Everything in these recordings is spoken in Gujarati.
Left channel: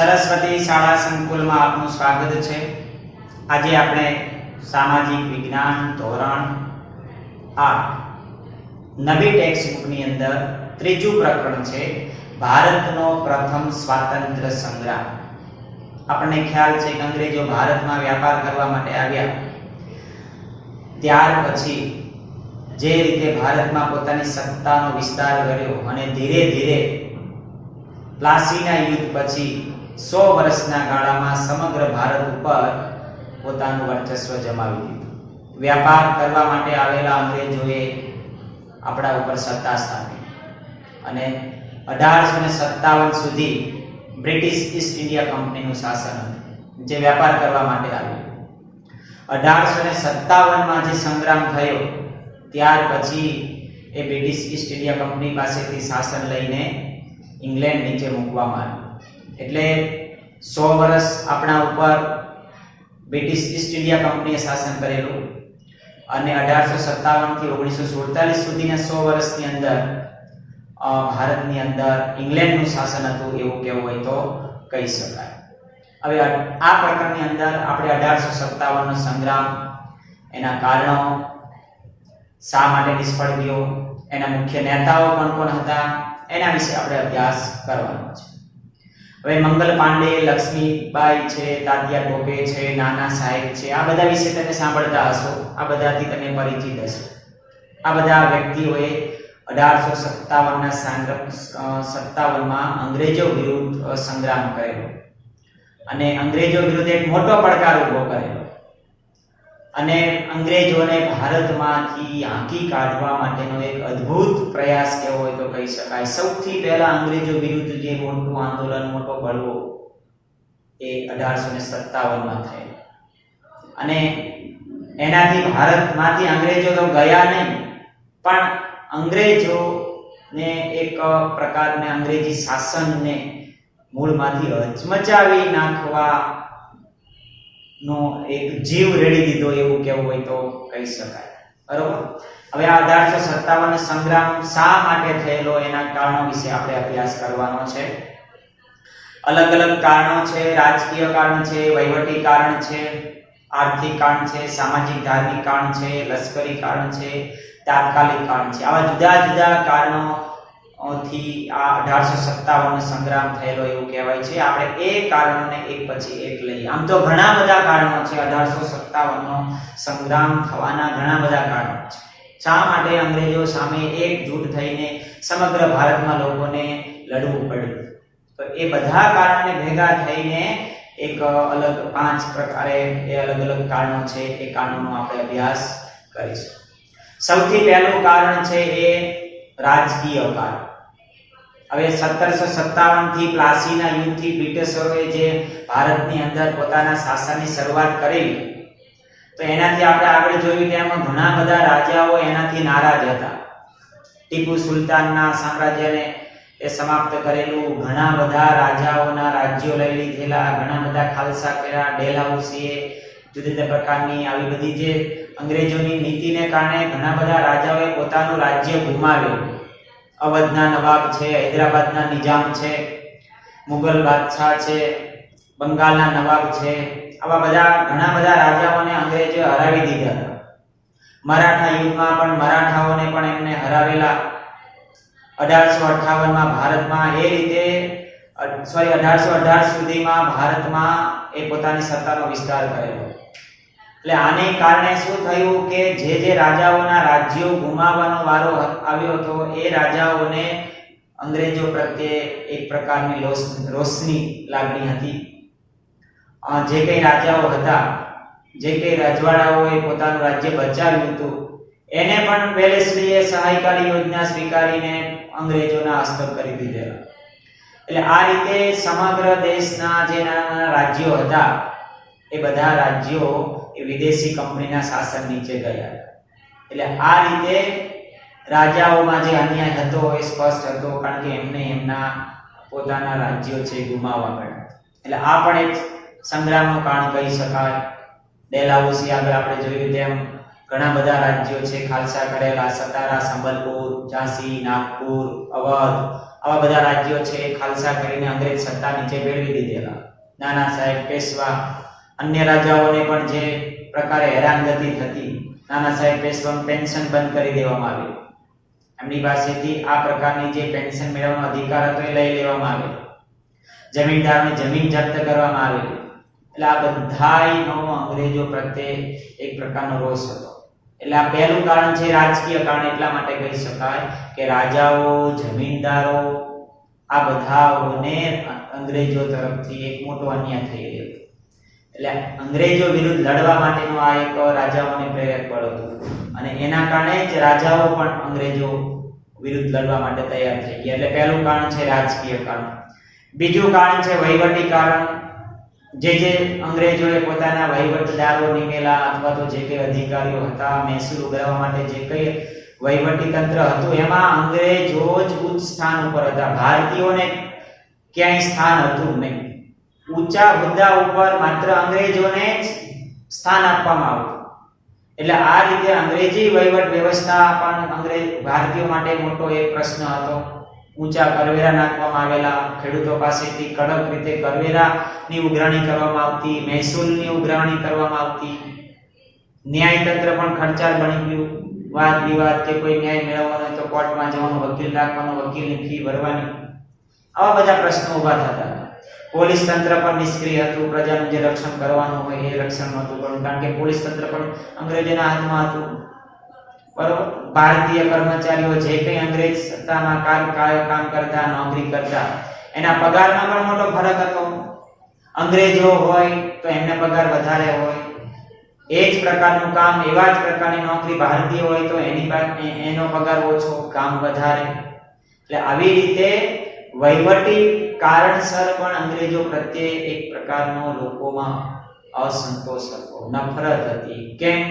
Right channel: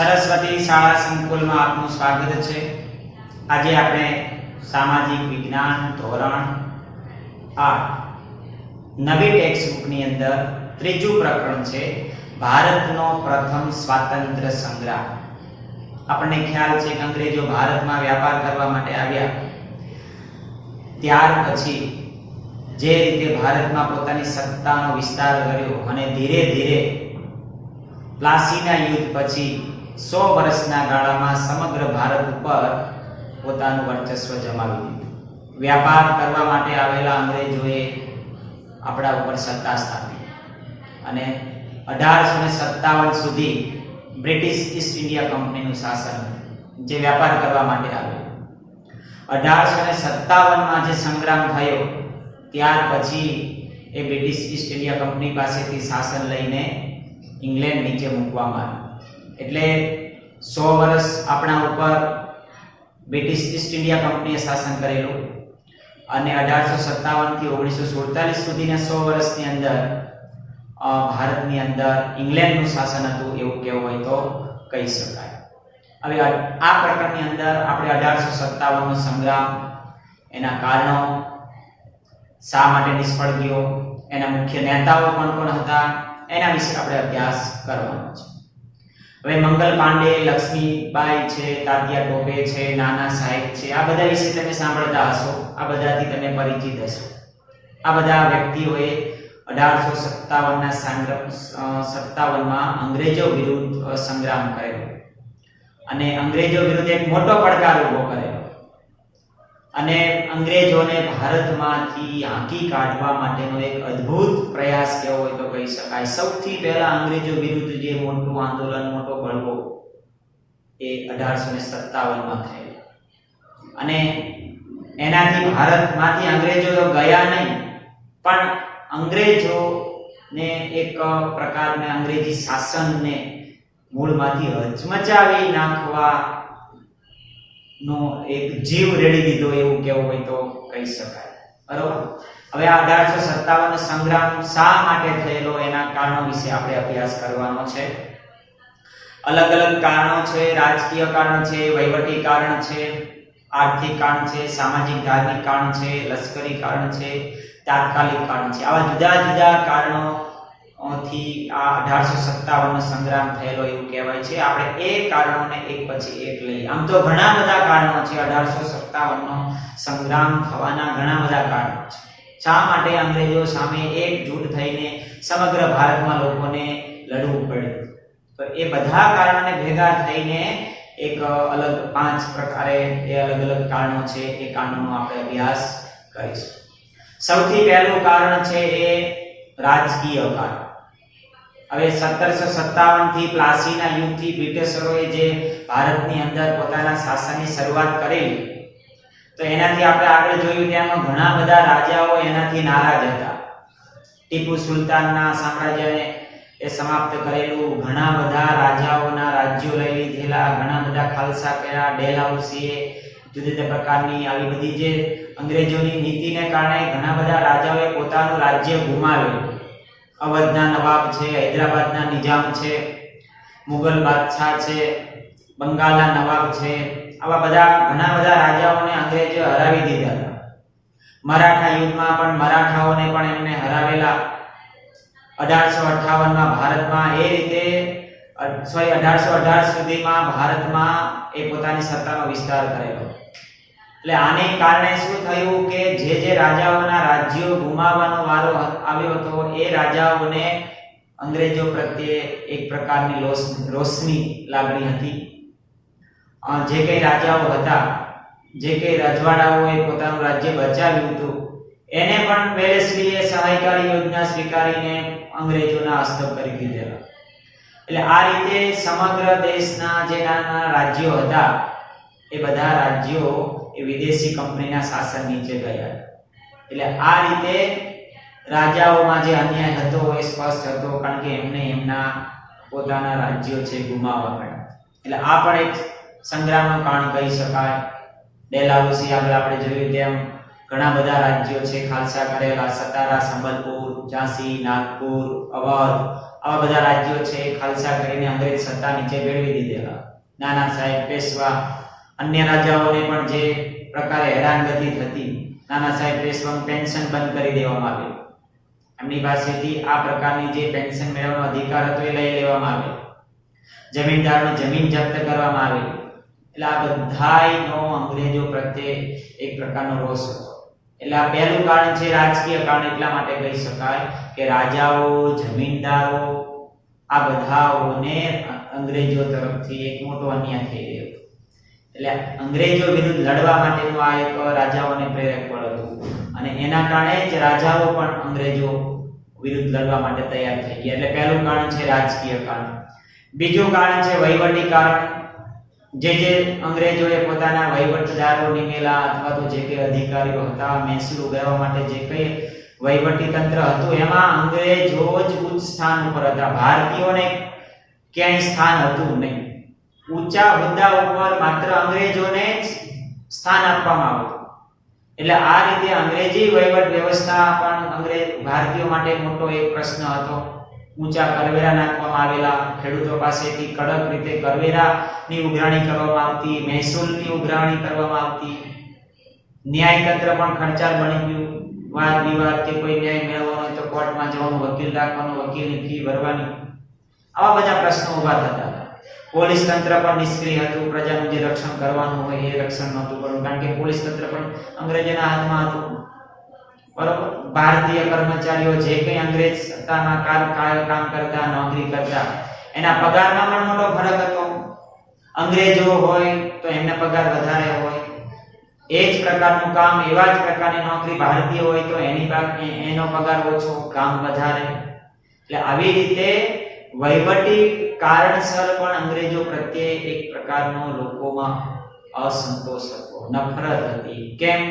સરસ્વતી શાળા સંકુલમાં આપનું સ્વાગત છે। આજે આપણે સામાજિક વિજ્ઞાન ધોરણ 8 નવી ટેક્સ્ટબુકની અંદર ત્રીજું પ્રકરણ છે ભારતનો પ્રથમ સ્વાતંત્ર્ય સંગ્રામ। આપણને ખ્યાલ છે કે અંગ્રેજો ભારતમાં વ્યાપાર કરવા માટે આવ્યા, ત્યાર પછી જે રીતે ભારતમાં પોતાની સત્તાનો વિસ્તાર કર્યો અને ધીરે ધીરે પ્લાસીના યુદ્ધ પછી 100 વર્ષના ગાળામાં સમગ્ર ભારત ઉપર પોતાનું વર્ચસ્વ જમાવી દીધું। વ્યાપાર કરવા માટે આવેલા અંગ્રેજોએ આપણા ઉપર સત્તા સ્થાપી અને 1857 સુધી બ્રિટિશ ઈસ્ટ ઇન્ડિયા કંપનીનું શાસન હતું, જે વ્યાપાર કરવા માટે આવ્યું। 1857માં જે સંગ્રામ થયો ત્યાર પછી એ બ્રિટિશ ઈસ્ટ ઇન્ડિયા કંપની પાસેથી શાસન લઈને ઇંગ્લેન્ડ નીચે મૂકવામાં આવ્યું। એટલે 100 વર્ષ આપણા ઉપર બ્રિટિશ ઈસ્ટ ઇન્ડિયા કંપનીએ શાસન કરેલું અને 1857 થી 1947 સુધીના 100 વર્ષની અંદર ભારતની અંદર ઇંગ્લેન્ડનું શાસન હતું એવું કહેવું હોય તો કહી શકાય। હવે આ પ્રકરણની અંદર આપણે 1857 નો સંગ્રામ, એના કારણો, શા માટે નિષ્ફળ ગયો, એના મુખ્ય નેતાઓ કોણ કોણ હતા, એના વિશે આપણે અભ્યાસ કરવાનો છે। હવે મંગલ પાંડે, લક્ષ્મીબાઈ છે, તાત્યા ટોપે છે, નાના સાહેબ છે, આ બધા વિશે તમે સાંભળતા હશો, આ બધાથી તમે પરિચિત હશો। આ બધા વ્યક્તિઓએ 1857માં અંગ્રેજો વિરુદ્ધ સંગ્રામ કરેલો અને અંગ્રેજો વિરુદ્ધ એક મોટો પડકાર ઊભો કરેલો અને અંગ્રેજોને ભારતમાંથી હાંકી કાઢવા માટેનો એક અદ્ભુત પ્રયાસ કેવો હોય તો કહી શકાય। સૌથી પહેલા અંગ્રેજો વિરુદ્ધ જે મોટું આંદોલન, મોટો બળવો એ 1857માં થયેલો અને એનાથી ભારતમાંથી અંગ્રેજો તો ગયા નહીં, પણ અંગ્રેજોને એક પ્રકારના અંગ્રેજી શાસનને મૂળમાંથી હચમચાવી નાખવા નો એક જીવ રેડી દીધો એવું કેવું હોય તો કહી શકાય, બરોબર। હવે આ 1857 સંગ્રામ શા માટે થયેલો એના કારણો વિશે આપણે અભ્યાસ કરવાનો છે। અલગ અલગ કારણો છે, રાજકીય કારણ છે, વહીવટી કારણ છે, આર્થિક કારણ છે, સામાજિક ધાર્મિક કારણ છે, લશ્કરી કારણ છે, તાત્કાલિક કારણ છે। આવા જુદા જુદા કારણો થી આ 1857 સંગ્રામ થયેલો એવું કહેવાય છે। આપણે એ કારણોને એક પછી એક લઈએ। આમ તો ઘણા બધા કારણો છે 1857નો સંગ્રામ થવાના, ઘણા બધા કારણો છે। શા માટે અંગ્રેજો સામે એકજૂટ થઈને સમગ્ર ભારતમાં લોકોને લડવું પડ્યું, તો એ બધા કારણોને ભેગા થઈને એક અલગ 5 પ્રકારે એ અલગ અલગ કારણો છે, એ કારણોનો આપણે અભ્યાસ કરીશું। સૌથી પહેલું કારણ છે એ રાજકીય કારણ। હવે 1757 થી પ્લાસીના યુદ્ધથી બ્રિટિશરોએ જે ભારતની અંદર પોતાના શાસનની શરૂઆત કરેલી, તો એનાથી આપણે આગળ જોયું તેમ ઘણા બધા રાજાઓ એનાથી નારાજ હતા। ટીપુ સુલતાનના સામ્રાજ્યને એ સમાપ્ત કરેલું, ઘણા બધા રાજાઓના રાજ્યો લઈ લીધેલા, ઘણા બધા ખાલસા કર્યા, ડેલહાઉસીએ જુદા જુદા પ્રકારની આવી બધી જે અંગ્રેજોની નીતિને કારણે ઘણા બધા રાજાઓએ પોતાનું રાજ્ય ગુમાવ્યું। અવધના નવાબ છે, હૈદરાબાદના નિજામ છે, મુગલ બાદશાહ છે, બંગાળના નવાબ છે, આવા બધા ઘણા બધા રાજાઓને અંગ્રેજોએ હરાવી દીધા હતા। મરાઠા યુદ્ધમાં પણ મરાઠાઓને પણ એમને હરાવેલા। 1858માં ભારતમાં એ રીતે 1818 સુધીમાં ભારતમાં એ પોતાની સત્તાનો વિસ્તાર કરેલો। એટલે આને કારણે શું થયું કે જે રાજાઓના રાજ્યો ગુમાવવાનો વારો આવ્યો હતો એ રાજાઓને અંગ્રેજો પ્રત્યે એક પ્રકારની રોષની લાગણી હતી। જે કઈ રાજાઓ હતા, જે કઈ રજવાડાઓએ પોતાનું રાજ્ય બચાવ્યું હતું, એને પણ વેલેસ્લીએ સહાયકારી યોજના સ્વીકારીને અંગ્રેજોના હસ્તક કરી દીધેલા। એટલે આ રીતે સમગ્ર દેશના જે નાના રાજ્યો હતા એ બધા રાજ્યો એ વિદેશી કંપનીના શાસન નીચે ગયા। એટલે આ રીતે રાજાઓમાં જે અન્યાય હતો એ સ્પષ્ટ હતો, કારણ કે એમને એમના પોતાના રાજ્યો છે ગુમાવવા પડ્યા। એટલે આ પણ એક સંગ્રામનું કારણ કહી શકાય। ડેલહાઉસી આગળ આપણે જોયું તેમ ઘણા બધા રાજ્યો છે ખાલસા કરેલા, સતારા, સંબલપુર, ઝાંસી, નાગપુર, અવધ, આવા બધા રાજ્યો છે એ ખાલસા કરીને અંગ્રેજ સત્તા નીચે ભેળવી દીધેલા. નાના સાહેબ, પેશવા, અન્ય રાજાઓને પણ જે પ્રકારે હેરાનગતિ થતી, નાના સાહેબ પેશવાનું પેન્શન બંધ કરી દેવામાં આવ્યું. એમની પાસેથી આ પ્રકારની જે પેન્શન મેળવવાનો અધિકાર હતો એ લઈ લેવામાં આવ્યો. જમીનદારની જમીન જપ્ત કરવામાં આવી. એટલે આ બધાયનો અંગ્રેજો પ્રત્યે એક પ્રકારનો રોષ હતો. એટલે આ પહેલું કારણ છે રાજકીય કારણ. એટલા માટે કહી શકાય કે રાજાઓ, જમીનદારો આ બધાઓને અંગ્રેજો તરફથી એક મોટો અન્યાય થઈ રહ્યો હતો. એટલે અંગ્રેજો વિરુદ્ધ લડવા માટેનું આ એક રાજાઓને પ્રેરક બળ હતું અને એના કારણે જ રાજાઓ પણ અંગ્રેજો વિરુદ્ધ લડવા માટે તૈયાર થઈ ગયા. એટલે પહેલું કારણ છે રાજકીય કારણ. બીજું કારણ છે વહીવટી કારણ. જે અંગ્રેજોએ પોતાના વહીવટદારો નિમેલા અથવા તો જે કંઈ અધિકારીઓ હતા, મહેસૂલ ઉઘરાવવા માટે જે કંઈ વહીવટી તંત્ર હતું, એમાં અંગ્રેજો જ ઉચ્ચ સ્થાન ઉપર હતા. ભારતીયોને ક્યાંય સ્થાન હતું નહીં. ઊંચા હોદ્દા ઉપર માત્ર અંગ્રેજોને જ સ્થાન આપવામાં આવતું. એટલે આ રીતે અંગ્રેજી વહીવટ વ્યવસ્થા પણ ભારતીયો માટે મોટો એક પ્રશ્ન હતો. ઊંચા કરવેરા નાખવામાં આવેલા, ખેડૂતો પાસેથી કડક રીતે કરવેરાની ઉઘરાણી કરવામાં આવતી, મહેસૂલની ઉઘરાણી કરવામાં આવતી. ન્યાયતંત્ર પણ ખર્ચાળ બની ગયું. વાદ વિવાદ કે કોઈ ન્યાય મેળવવાનો હોય તો કોર્ટમાં જવાનું, વકીલ રાખવાનો, વકીલની ફી ભરવાની, આવા બધા પ્રશ્નો ઊભા થતા હતા. પોલીસ તંત્ર પણ નિષ્ક્રિય હતું. પ્રજાનું જે રક્ષણ કરવાનું હોય એ રક્ષણ નહોતું કરવું, કારણ કે પોલીસ તંત્ર પણ અંગ્રેજોના હાથમાં હતું. બરોબર. ભારતીય કર્મચારીઓ જે કંઈ અંગ્રેજ સત્તામાં કામ કરતા, નોકરી કરતા, એના પગારમાં પણ મોટો ફરક હતો. અંગ્રેજો હોય તો એમને પગાર વધારે હોય. એ જ પ્રકારનું કામ, એવા જ પ્રકારની નોકરી ભારતીય હોય તો એનો પગાર ઓછો, કામ વધારે. એટલે આવી રીતે વહીવટી કારણસર પણ અંગ્રેજો પ્રત્યે એક પ્રકારનો લોકોમાં અસંતોષ હતો, નફરત હતી. કેમ?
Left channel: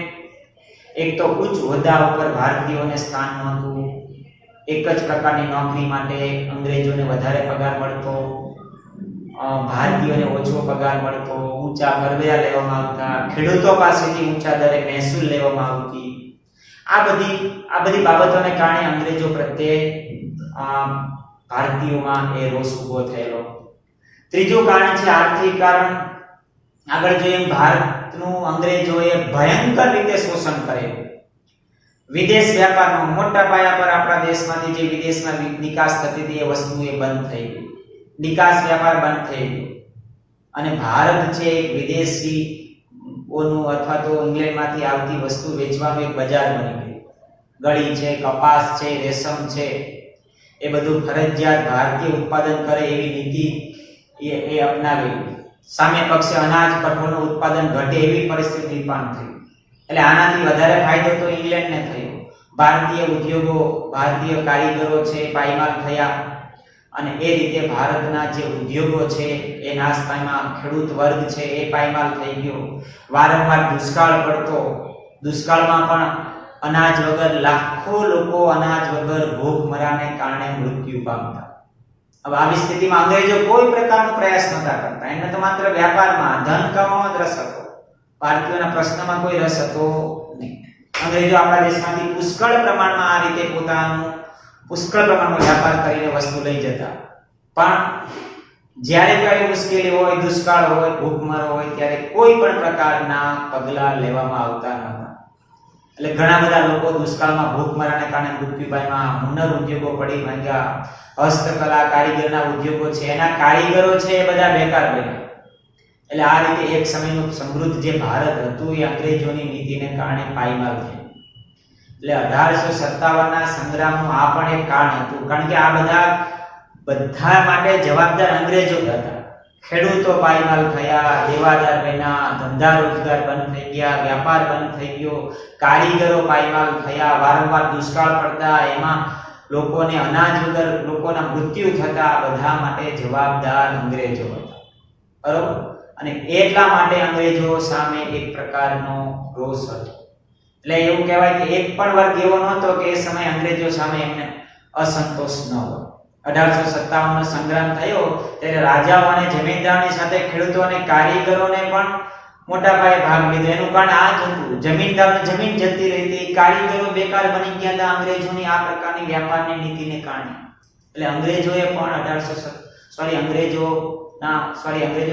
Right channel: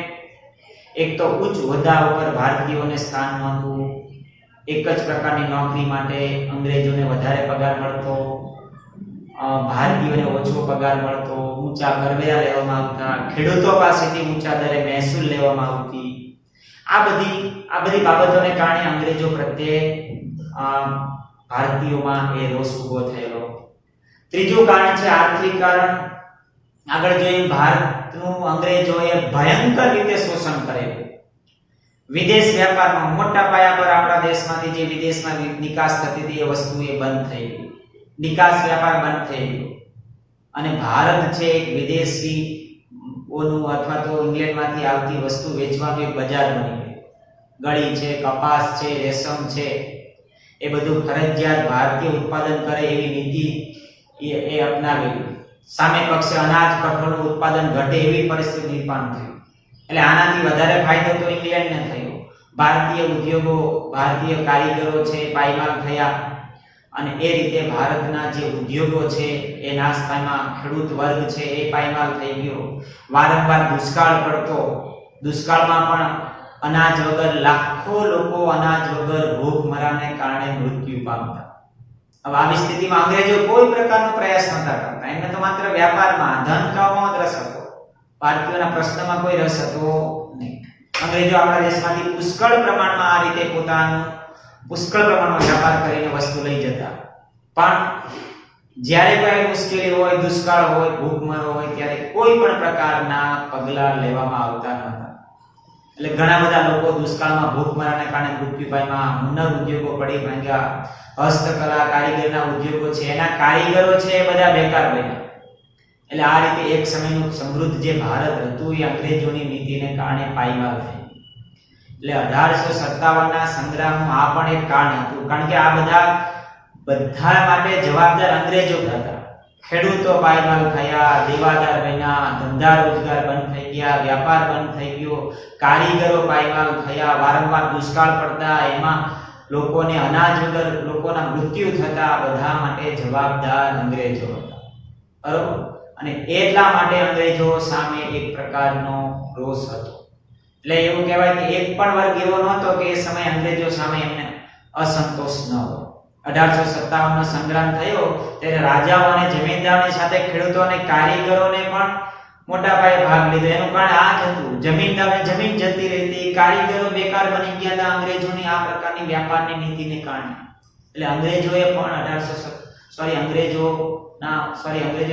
એક તો ઉચ્ચ હોદ્દા ઉપર ભારતીયોને સ્થાન નહોતું. એક જ પ્રકારની નોકરી માટે અંગ્રેજોને વધારે પગાર મળતો, ભારતીયોને ઓછો પગાર મળતો, ઊંચા કરવેરા લેવામાં આવતા, ખેડૂતો પાસેથી ઊંચા દરે મહેસૂલ લેવામાં આવતી. આ બધી બાબતોને કારણે અંગ્રેજો પ્રત્યે ભારતીયોમાં એ રોષ ઉભો થયેલો. ત્રીજું કારણ છે આર્થિક કારણ. આગળ જોઈએ, ભારતનું અંગ્રેજોએ ભયંકર રીતે શોષણ કરેલું. વિદેશ વેપારનો મોટા પાયા પર આપણા દેશમાંથી જે વિદેશમાં નિકાસ થતી હતી એ વસ્તુ એ બંધ થઈ ગઈ. નિકાસ વેપાર બંધ થઈ ગયો અને ભારત છે એક વિદેશી ઓનું અથવા તો ઇંગ્લેન્ડમાંથી આવતી વસ્તુ વેચવાનું એક બજાર બની ગયું. ગળી છે, કપાસ છે, રેશમ છે, એ બધું ફરજિયાત ભારતીય ઉત્પાદન કરે એવી નીતિ એ અપનાવેલી. સામે પક્ષે અનાજ, કઠોળનું ઉત્પાદન ઘટે એવી પરિસ્થિતિ નિર્માણ થઈ. એટલે આનાથી વધારે ફાયદો તો ઇંગ્લેન્ડને થયો. ભારતીય ઉદ્યોગો, ભારતીય કારીગરો છે પાયમાલ થયા અને એ રીતે ભારતના જે ઉદ્યોગો છે એ નાશ પામ્યા. ખેડૂત વર્ગ છે એ પાયમાલ થઈ ગયો. વારંવાર દુષ્કાળ પડતો. દુષ્કાળમાં પણ અનાજ વગર લાખો લોકો અનાજ વગર ભૂખમરાને કારણે મૃત્યુ પામતા. હવે આવી સ્થિતિમાં અંગ્રેજો કોઈ પ્રકારનો પ્રયાસ નહોતા કરતા. એમને તો માત્ર વ્યાપારમાં, ધન કમાવામાં જ રસ હતો. ભારતીયોના પ્રશ્નમાં કોઈ રસ હતો નહીં. અંગ્રેજો આપણા દેશમાંથી પુષ્કળ પ્રમાણમાં આ રીતે પુષ્કળ પ્રમાણમાં વ્યાપાર કરીને વસ્તુ લઈ જતા. પણ જ્યારે કોઈ મુશ્કેલી હોય, દુષ્કાળ હોય, ભૂખમરો હોય, ત્યારે કોઈ પણ પ્રકારના પગલાં લેવામાં આવતા નહોતા. એટલે ઘણા બધા લોકો દુષ્કાળમાં ભૂખમરાને કારણે મૃત્યુ પામ્યા. હુનર ઉદ્યોગો પડી ભાંગ્યા. હસ્તકલા, કારીગરના ઉદ્યોગો છે, એના કારીગરો છે એ બધા બેકાર બન્યા. એટલે આ રીતે એક સમયનું સમૃદ્ધ જે ભારત હતું એ અંગ્રેજોની નીતિને કારણે પાયમાલ થયું. એટલે 1857ના સંગ્રામનું આ પણ એક કારણ હતું. કારણ કે આ બધા માટે જવાબદાર અંગ્રેજો હતા. ખેડૂતો પાયમાલ થયા, દેવાદાર બન્યા, ધંધા રોજગાર બંધ થઈ ગયા, વ્યાપાર બંધ થઈ ગયો, કારીગરો પાયમાલ થયા, વારંવાર દુષ્કાળ પડતા, એમાં લોકોને અનાજ વગર લોકોના મૃત્યુ થતા. બધા માટે જવાબદાર અંગ્રેજો હતા. બરોબર. અને એટલા માટે અંગ્રેજો સામે એક પ્રકારનો રોષ હતો. એટલે એવું કહેવાય કે એક પણ વર્ગ એવો નહોતો કે એ સમયે અંગ્રેજો સામે એમને અસંતોષ ન હોય. 1857નો સંગ્રામ થયો ત્યારે રાજાઓ અને જમીનદારોની સાથે ખેડૂતો અને કારીગરોને પણ મોટા પાયે ભાગ લીધો. એનું કારણ આ જ હતું, જમીનદારોને જમીન જતી રહી, કારીગરો બેકાર બની ગયા હતા અંગ્રેજોની આ પ્રકારની વ્યાપારની નીતિને કારણે. એટલે અંગ્રેજો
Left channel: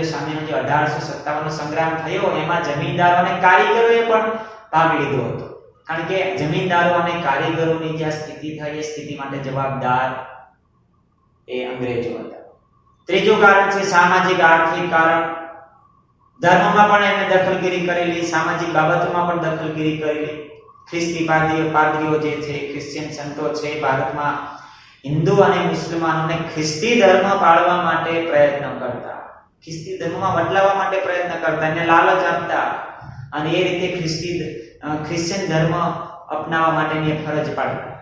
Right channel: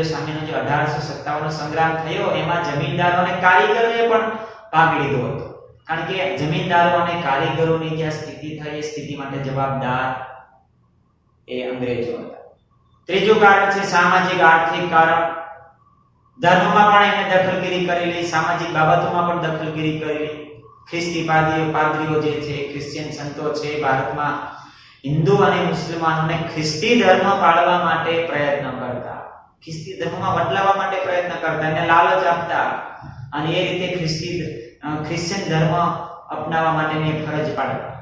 સામેનો જે 1857 નો સંગ્રામ થયો એમાં જમીનદારો અને કારીગરોએ પણ ભાગ લીધો હતો, કારણ કે જમીનદારો અને કારીગરોની જે સ્થિતિ થઈ એ સ્થિતિ માટે જવાબદાર એ અંગ્રેજો હતા. ત્રીજું કારણ છે સામાજિક આર્થિક કારણ. ધર્મમાં પણ એમણે દખલગીરી કરેલી, સામાજિક બાબતોમાં પણ દખલગીરી કરેલી. ખ્રિસ્તી પાદરીઓ જે છે, ક્રિશ્ચિયન સંતો છે, ભારતમાં હિન્દુ અને મુસલમાનોને ખ્રિસ્તી ધર્મ પાળવા માટે પ્રયત્ન કરતા, ખ્રિસ્તી ધર્મમાં બદલાવવા માટે પ્રયત્ન કરતા, એને લાલચ આપતા અને એ રીતે ક્રિશ્ચિયન ધર્મ અપનાવવા માટેની ફરજ પાડતા.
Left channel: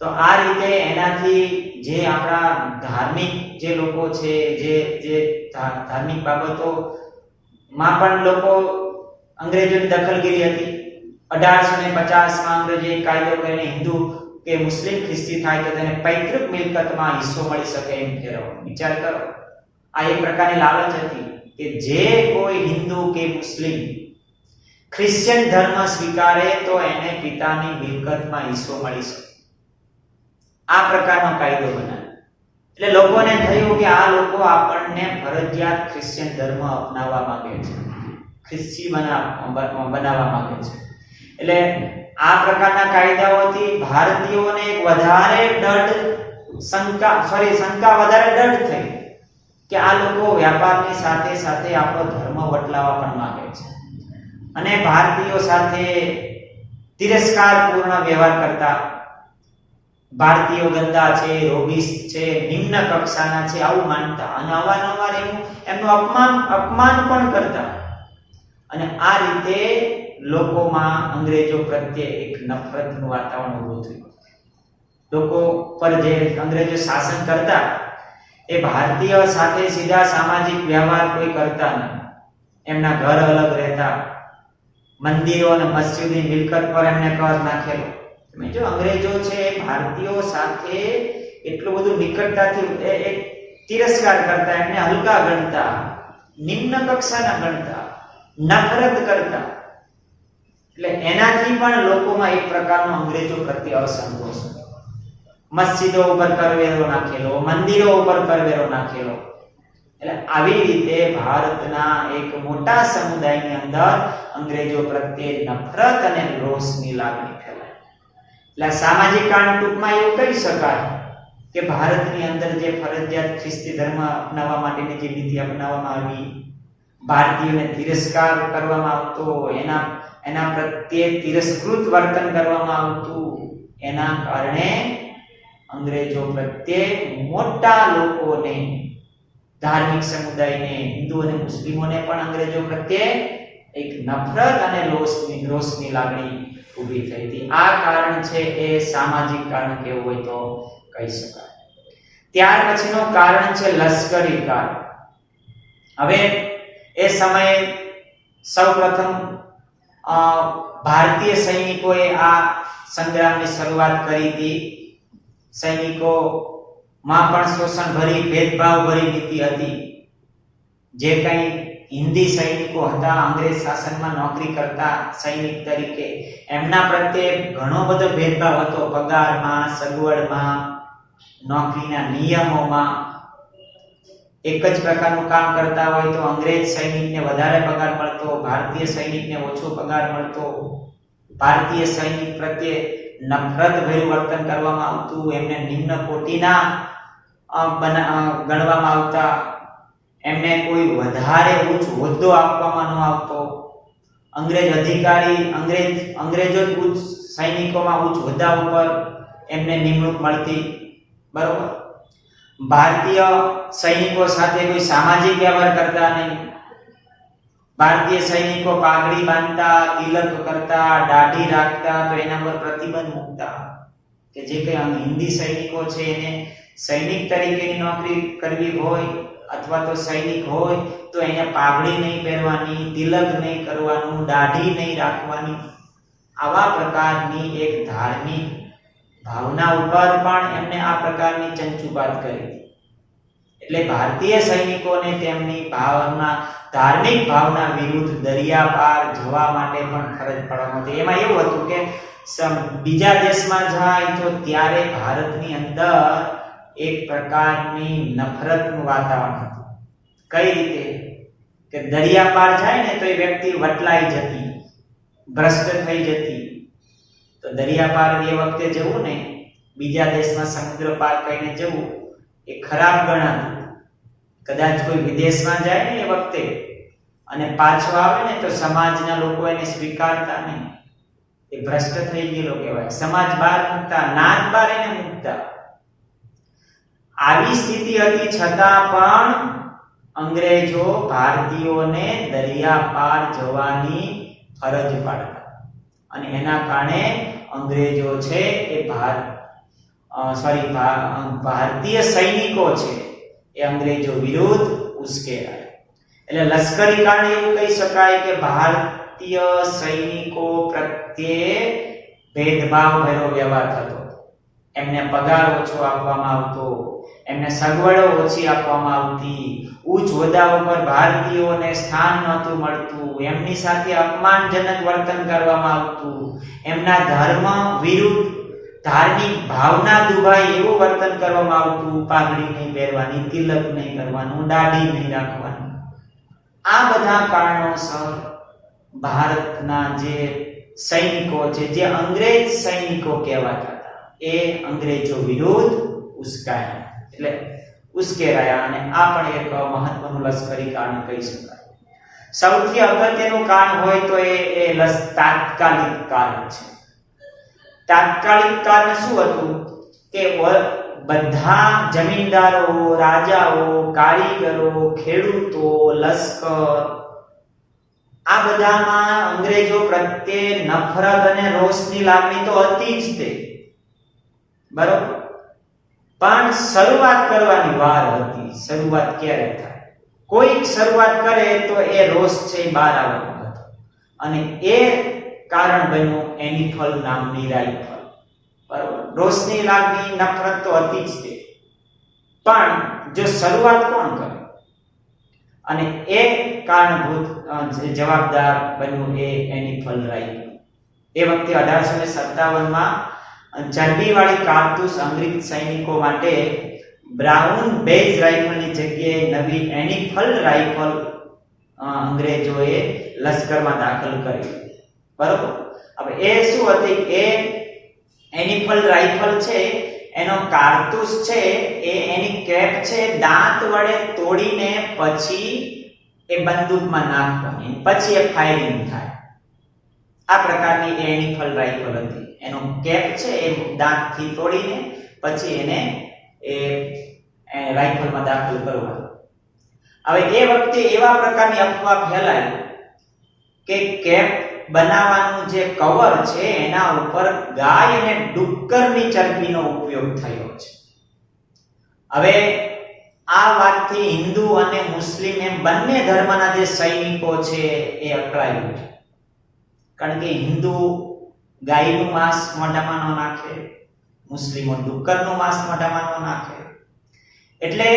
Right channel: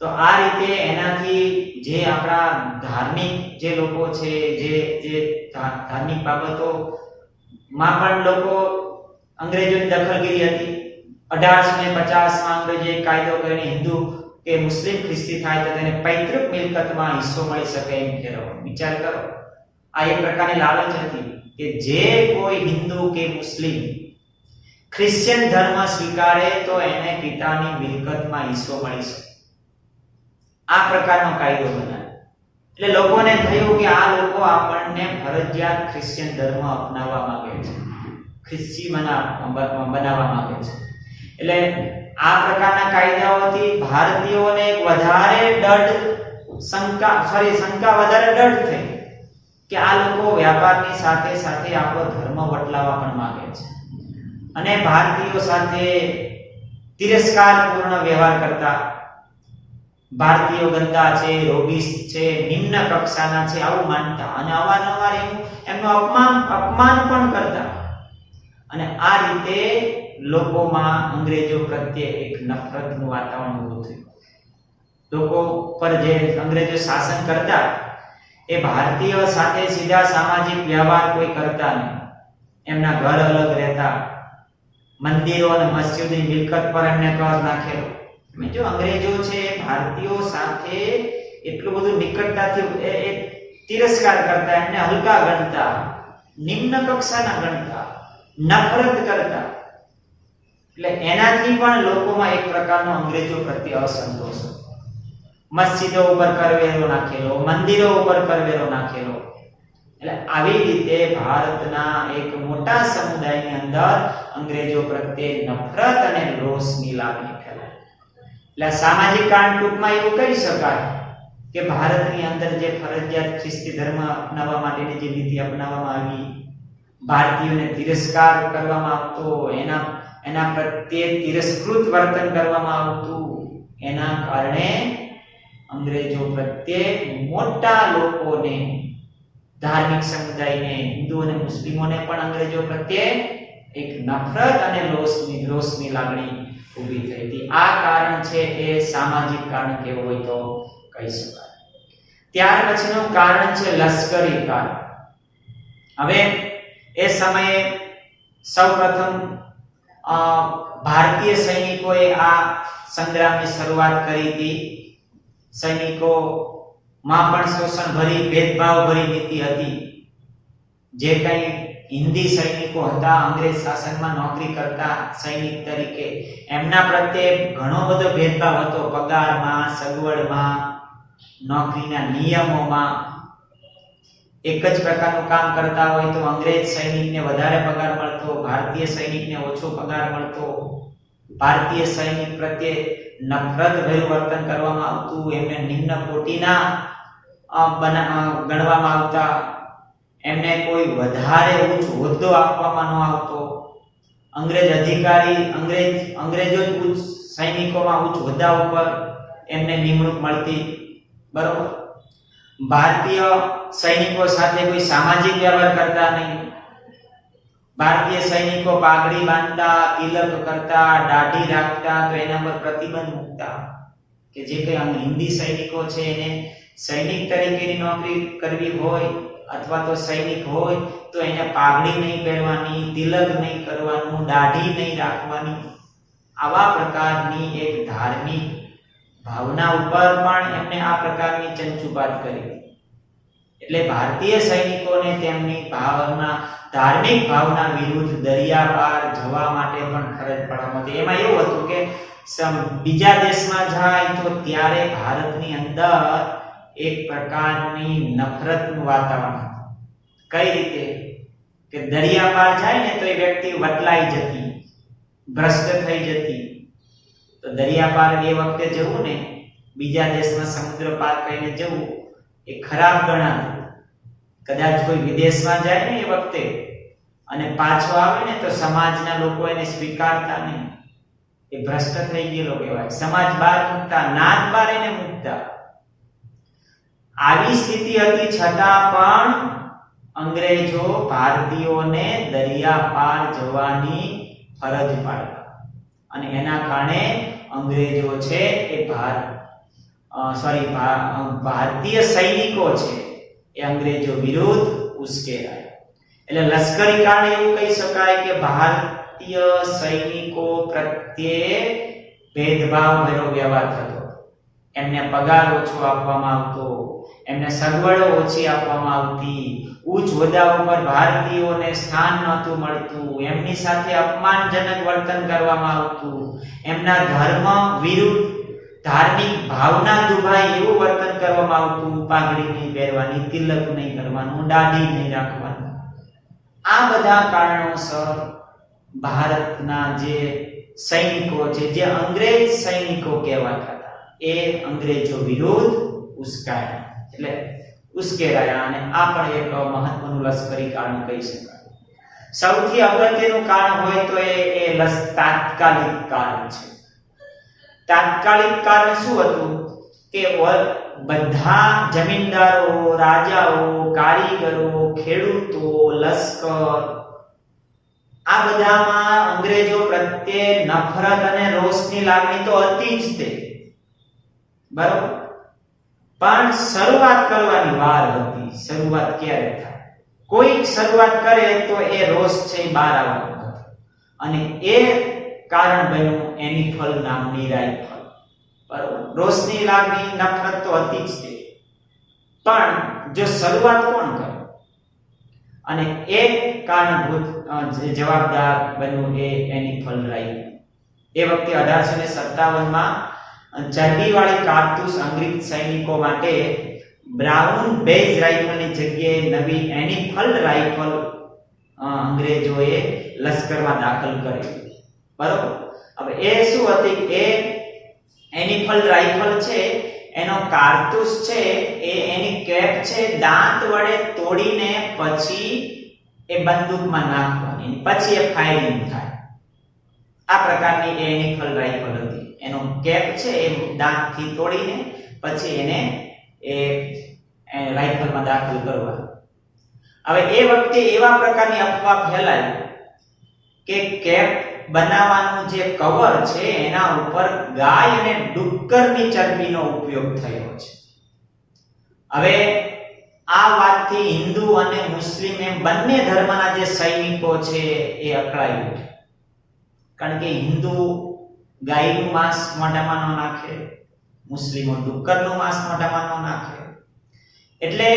તો આ રીતે એનાથી જે આપણા ધાર્મિક જે લોકો છે, જે ધાર્મિક બાબતોમાં પણ લોકો અંગ્રેજોની દખલગીરી હતી. 1850માં અંગ્રેજોએ કાયદો કરીને હિન્દુ કે મુસ્લિમ ખ્રિસ્તી થાય તો તેને પૈતૃક મિલકતમાં હિસ્સો મળી શકે એમ ઠેરવવાનો વિચાર કરો. આ એક પ્રકારની લાલચ હતી કે જે કોઈ હિન્દુ કે મુસ્લિમ ક્રિશ્ચિયન ધર્મ સ્વીકારે તો એને પિતાની મિલકતમાં હિસ્સો મળી શકે. આ પ્રકારનો કાયદો બનાવ્યો. એટલે લોકોને થયું કે આ લોકો આપણને ફરજિયાત ક્રિશ્ચિયન ધર્મ અપનાવવા માંગે છે, ખ્રિસ્તી બનાવવા માંગે છે. એટલે આ પ્રકારના કાયદાઓથી ભારતીયોને વધારે શંકા વધારે દઢ થઈ કે આ લોકો વ્યાપારની સાથે સાથે આપણો ધર્મ બદલાવવા પણ માંગે છે અને ભારતીયો સાથે તિરસ્કારપૂર્ણ વ્યવહાર કરતા. ભારતીયો ગંદા છે, રોગિસ્ત છે, નિમ્ન કક્ષાના છે આવું માનતા અને અવારનવાર એમનું અપમાન પણ કરતા. અને આ રીતે લોકોમાં અંગ્રેજો પ્રત્યે એક નફરતનું વાતાવરણ ઊભું થયું. લોકો પર જે અંગ્રેજો શાસન કરતા એ ભારતીય સાથે સીધા સામાજિક વ્યવહાર કોઈ કરતા નહીં. એમના ઘર અલગ રહેતા, મંદિરો અને મસ્જિદની મિલકત પર એમને કર નાખેલો. જો અંગ્રેજો છે ભારતીયો સાથે એટલું બધું નિકટતાથી તિરસ્કાર કરતા, એમને હલકા ગણતા, નિમ્ન કક્ષાના ગણતા, નફરત કરતા. એટલે એનાથી પણ લોકોમાં એક પ્રકારનો અંગ્રેજો પ્રત્યે અસંતોષ હતો. મસ્જિદો ઉપર કરવેરો નાખેલો, મંદિરો ઉપર કરવેરો નાખેલો. એટલે આવી રીતે ભારતના એક મોટા સમુદાયની અંદર અંગ્રેજો પ્રત્યે નફરત અને રોષની લાગણી ફેલાઈ. એટલે સામાજિક કારણ ટૂંકમાં એવું કહી શકાય કે ભારતની અંદર જે ફરજિયાત ખ્રિસ્તી ધર્મ અપનાવવા માટેની જે નીતિ અપનાવવામાં આવી, ભારતીયોને તિરસ્કાર કરવામાં આવતો, એના પ્રત્યે તિરસ્કૃત વર્તન કરવામાં આવતું, એના કારણે અંગ્રેજો પ્રત્યે મોટા લોકોને, ધાર્મિક સમુદાયને, હિન્દુ અને મુસ્લિમોને પણ અંગ્રેજો પ્રત્યે એક નફરત અને રોષની લાગણી ઊભી થઈ હતી. આ કારણ છે એ સામાજિક કારણ કેવું હોય તો કહી શકાય. ત્યાર પછીનું કારણ છે લશ્કરી કારણ. હવે એ સમયે સૌપ્રથમ ભારતીય સૈનિકોએ આ સંગ્રામની શરૂઆત કરી હતી. સૈનિકોમાં પણ શોષણભરી, ભેદભાવભરી નીતિ હતી. જે કંઈ હિન્દી સૈનિકો હતા, અંગ્રેજ શાસનમાં નોકરી કરતા સૈનિક તરીકે, એમના પ્રત્યે ઘણો બધો ભેદભાવ હતો. પગારમાં, સગવડમાં, નોકરીના નિયમોમાં. એક જ પ્રકારનું કામ કરતા હોય તો અંગ્રેજ સૈનિકને વધારે પગાર મળતો, ભારતીય સૈનિકને ઓછો પગાર મળતો. ભારતીય સૈનિક પ્રત્યે નફરતભર્યું વર્તન કરવામાં આવતું, એમને નિમ્ન કોટીના ગણવામાં આવતા, એમને કોઈ વધારે ઉચ્ચ હોદ્દો આપવામાં ન આવતો. અંગ્રેજો જ ઉચ્ચ સૈનિકોમાં ઉચ્ચ હોદ્દા ઉપર એમને નિમણૂક મળતી. બરોબર. ભારતીય સૈનિકો સાથે કોઈ સામાજિક વ્યવહાર કરતા નહીં. ભારતીય સૈનિકો પાઘડી બાંધતા, તિલક કરતા, દાઢી રાખતા તો એના પર પ્રતિબંધ મૂકતા કે જે કંઈ હિન્દી સૈનિકો છે એને સૈનિક તરીકેની નોકરી કરવી હોય અથવા તો સૈનિક હોય તો એને પાઘડી નહીં પહેરવાની, તિલક નહીં કરવાનું, દાઢી નહીં રાખવાની. આવા પ્રકારની એક ધાર્મિક ભાવના ઉપર પણ એમને આ પ્રકારની ચંચુપાત કરી. એટલે ભારતીય સૈનિકોને તેમની ધાર્મિક ભાવના વિરુદ્ધ દરિયા પાર જવા માટે પણ ફરજ પાડવામાં હતી. એમાં એવું હતું કે બીજા દેશમાં જાય તો ત્યારે ભારતની અંદર એક પ્રકારની નફરતનું વાતાવરણ હતું. કઈ રીતે કે દરિયા પાર જાય ને તો એ વ્યક્તિ વટલાઈ જતી, ભ્રષ્ટ થઈ જતી. તો દરિયા પાર એ વખતે જવું ને, બીજા દેશમાં સમુદ્ર પાર કરીને જવું એ ખરાબ ગણાતું. કદાચ કોઈ વિદેશમાં જાય ને એ વખતે અને પાછો આવે ને તો સમાજના લોકો એને સ્વીકારતા નહીં, એ ભ્રષ્ટ થઈ ગયેલો કહેવાય. સમાજ બહાર મૂકતા, નાત બહાર એને મૂકતા. આવી સ્થિતિ હતી છતાં પણ અંગ્રેજો ભારતીયોને દરિયા પાર જવાની ફરજ પાડતા અને એના કારણે અંગ્રેજો છે એ ભારતીય સૈનિકો છે એ અંગ્રેજો વિરુદ્ધ ઉશ્કેરાયા. એટલે લશ્કરી કારણે એવું કહી શકાય કે ભારતીય સૈનિકો પ્રત્યે ભેદભાવ ભર્યો વ્યવહાર થતો. એમને પગાર ઓછો આપવામાં આવતો, એમને સગવડો ઓછી આપવામાં આવતી, ઉચ્ચ હોદ્દા ઉપર ભારતીયોને સ્થાન નહોતું મળતું, એમની સાથે અપમાનજનક વર્તન કરવામાં આવતું, એમના ધર્મ વિરુદ્ધ ધાર્મિક ભાવના દુભાય એવું વર્તન કરવામાં આવતું. પાઘડી નહીં પહેરવાની, તિલક નહીં કરવાનું, દાઢી નહીં રાખવાનું. આ બધા કારણોસર ભારતના જે સૈનિકો છે, જે અંગ્રેજ સૈનિકો કહેવાતા હતા, એ અંગ્રેજો વિરુદ્ધ ઉશ્કેરાયા અને આ પણ એક મહત્વનું લશ્કરી કારણ કહી શકાય. સૌથી અગત્યનું કારણ હોય તો એ તાત્કાલિક કારણ છે. તાત્કાલિક કારણ શું હતું કે બધા જમીનદારો, રાજાઓ, કારીગરો, ખેડૂતો, લશ્કર આ બધામાં અંગ્રેજો પ્રત્યે નફરત અને રોષની લાગણી તો હતી જ તે, બરોબર. પણ શરૂઆત કરવાની વાર હતી. શરૂઆત ક્યારે થાય? કોઈક શરૂઆત કરે તો એ રોષ છે બહાર આવવાનો હતો અને એ કારણ બન્યું એનિફલ નામની રાઇફલ, બરોબર. રોષની લાગણી, નફરત તો હતી જ તે, પણ જો શરૂઆત કોણ કરે અને એ કારણભૂત જવાબદાર બન્યું એ એનિફલ રાઇફલ. એ વખતે 1857માં ચરબીવાળી કારતૂસ અંગ્રેજ સૈનિકો માટે બ્રાઉન બેજ રાઇફલની જગ્યાએ નવી એનિફલ રાઇફલ અંગ્રેજોએ લશ્કરમાં દાખલ કરી, બરોબર. હવે એ શું હતી? એ એનિફલ રાઇફલ છે, એનો કારતૂસ છે, એની કેપ છે, દાંત વડે તોડીને પછી એ બંદૂકમાં નાખવાની, પછી એ ફાયરિંગ થાય. આ પ્રકારની એ એનિફલ રાઇફલ હતી. એનો કેપ છે એ દાંતથી તોડીને પછી એને એ રાઇફલમાં દાખલ કરવાનો. હવે એ વખતે એવા પ્રકારની અફવા ફેલાઈ કે કેપ બનાવવાનું જે કવર છે એના ઉપર ગાય અને ડુક્કરની ચરબીનો ઉપયોગ થયો છે. હવે આ વાતથી હિન્દુ અને મુસ્લિમ એમ બંને ધર્મના જે સૈનિકો છે એ અકળાઈ ઉઠે. કારણ કે હિન્દુ ગાયનું માંસ મોઢામાં ન નાખે, મુસ્લિમો ડુક્કરનું માંસ મોઢામાં ન નાખે. એટલે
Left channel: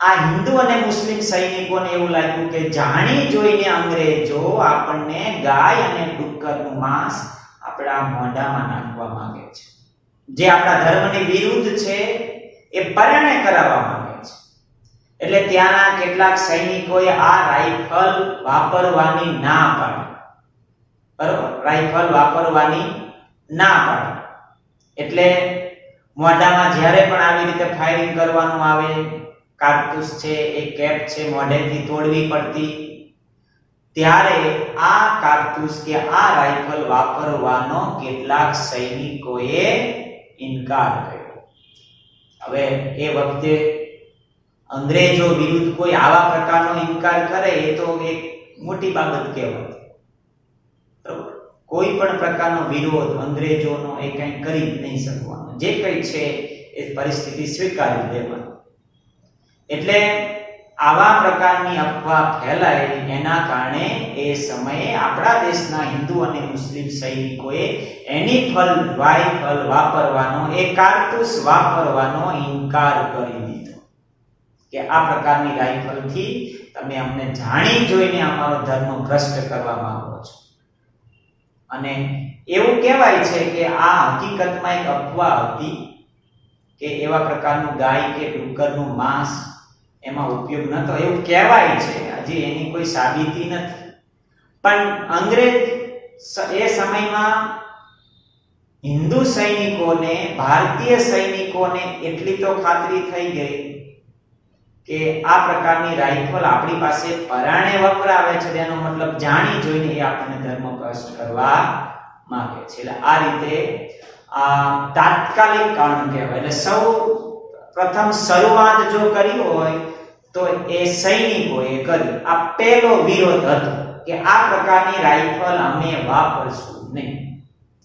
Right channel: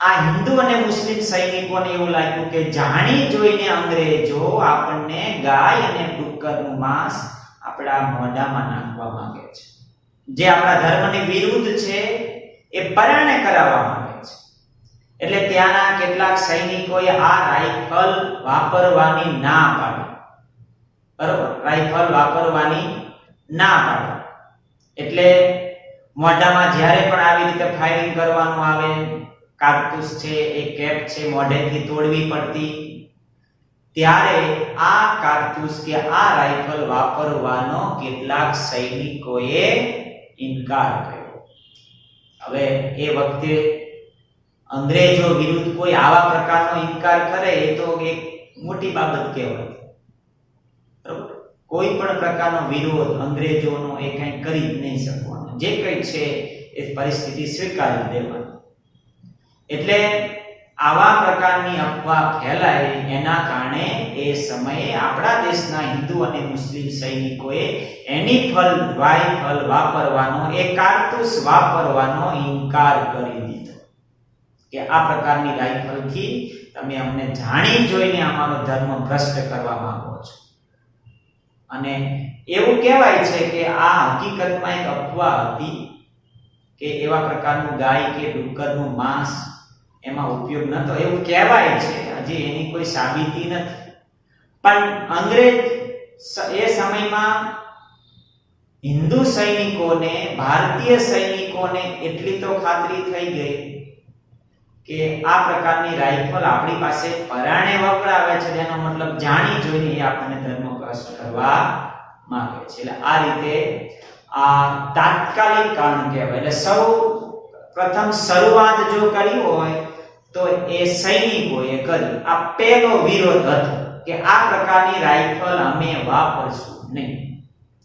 આ હિન્દુ અને મુસ્લિમ સૈનિકોને એવું લાગ્યું કે જાણી જોઈને અંગ્રેજો આપણને ગાય અને ડુક્કરનું માંસ આપણા મોઢામાં નાખવા માંગે છે, જે આપણા ધર્મની વિરુદ્ધ છે, એ પરાણે કરાવવા માંગે છે. એટલે ત્યાંના કેટલાક સૈનિકોએ આ રાઇફલ વાપરવાની ના પાડી, બરોબર. રાઇફલ વાપરવાની ના પાડી. એટલે મોઢામાં જ્યારે પણ આવી રીતે ફાયરિંગ કરવાનું આવે, કારતૂસ છે, એ કેપ છે, મોઢેથી તોડવી પડતી, ત્યારે આ કારતૂસ કે આ રાઇફલ વાપરવાનો કેટલાક સૈનિકોએ ઇનકાર કર્યો. હવે એ વખતે અંગ્રેજો વિરુદ્ધ કોઈ આવા પ્રકારનો ઇનકાર કરે એ તો એક મોટી બાબત કહેવાય. કોઈ પણ પ્રકારનો વિરોધ અંગ્રેજોનો એ કંઈ કરી જ નહીં શકવાનો. જે કંઈ છે એ પરિસ્થિતિ સ્વીકારી દેવાની. એટલે આવા પ્રકારની અફવા ફેલાય એના કારણે એ સમયે આપણા દેશના હિન્દુ અને મુસ્લિમ સૈનિકોએ એનિફલ રાઇફલ વાપરવાનો, એ કારતૂસ વાપરવાનો ઇનકાર કરી દીધો કે આ પ્રકારની રાઇફલથી તમે અમને જાણી જોઈને અમારો ધર્મ ભ્રષ્ટ કરવા માંગો છો. અને એવું કહેવાય છે કે આ હકીકતમાં એક અફવા હતી કે એવા પ્રકારનું ગાય કે ડુક્કરનું માંસ એમાં ઉપયોગ નતો, એવું કહેવાય છે, હજી એની કોઈ સાબિતી નથી. પણ અંગ્રેજ એ સમયમાં હિન્દુ સૈનિકોને, ભારતીય સૈનિકોને એટલી તો ખાતરી થઈ ગઈ કે આ પ્રકારની રાઇફલ આપણી પાસે પરાણે વપરાવે છે, તેનો મતલબ જાણી જોઈને એ આપણને ધર્મ ભ્રષ્ટ કરવા માંગે છે. એટલે આ રીતે આ તાત્કાલિક કારણ કહેવાય. એટલે સૌ પ્રથમ શરૂઆત જો કરી હોય તો એ સૈનિકોએ કરી. આ પહેલો વિરોધ હતો કે આ પ્રકારની રાઇફલ અમે વાપરશું નહીં,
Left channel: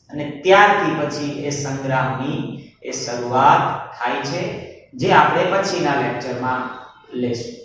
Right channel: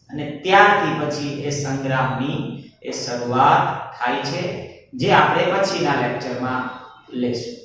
અને ત્યારથી પછી એ સંગ્રામની એ શરૂઆત થાય છે, જે આપણે પછીના લેક્ચરમાં લેશું.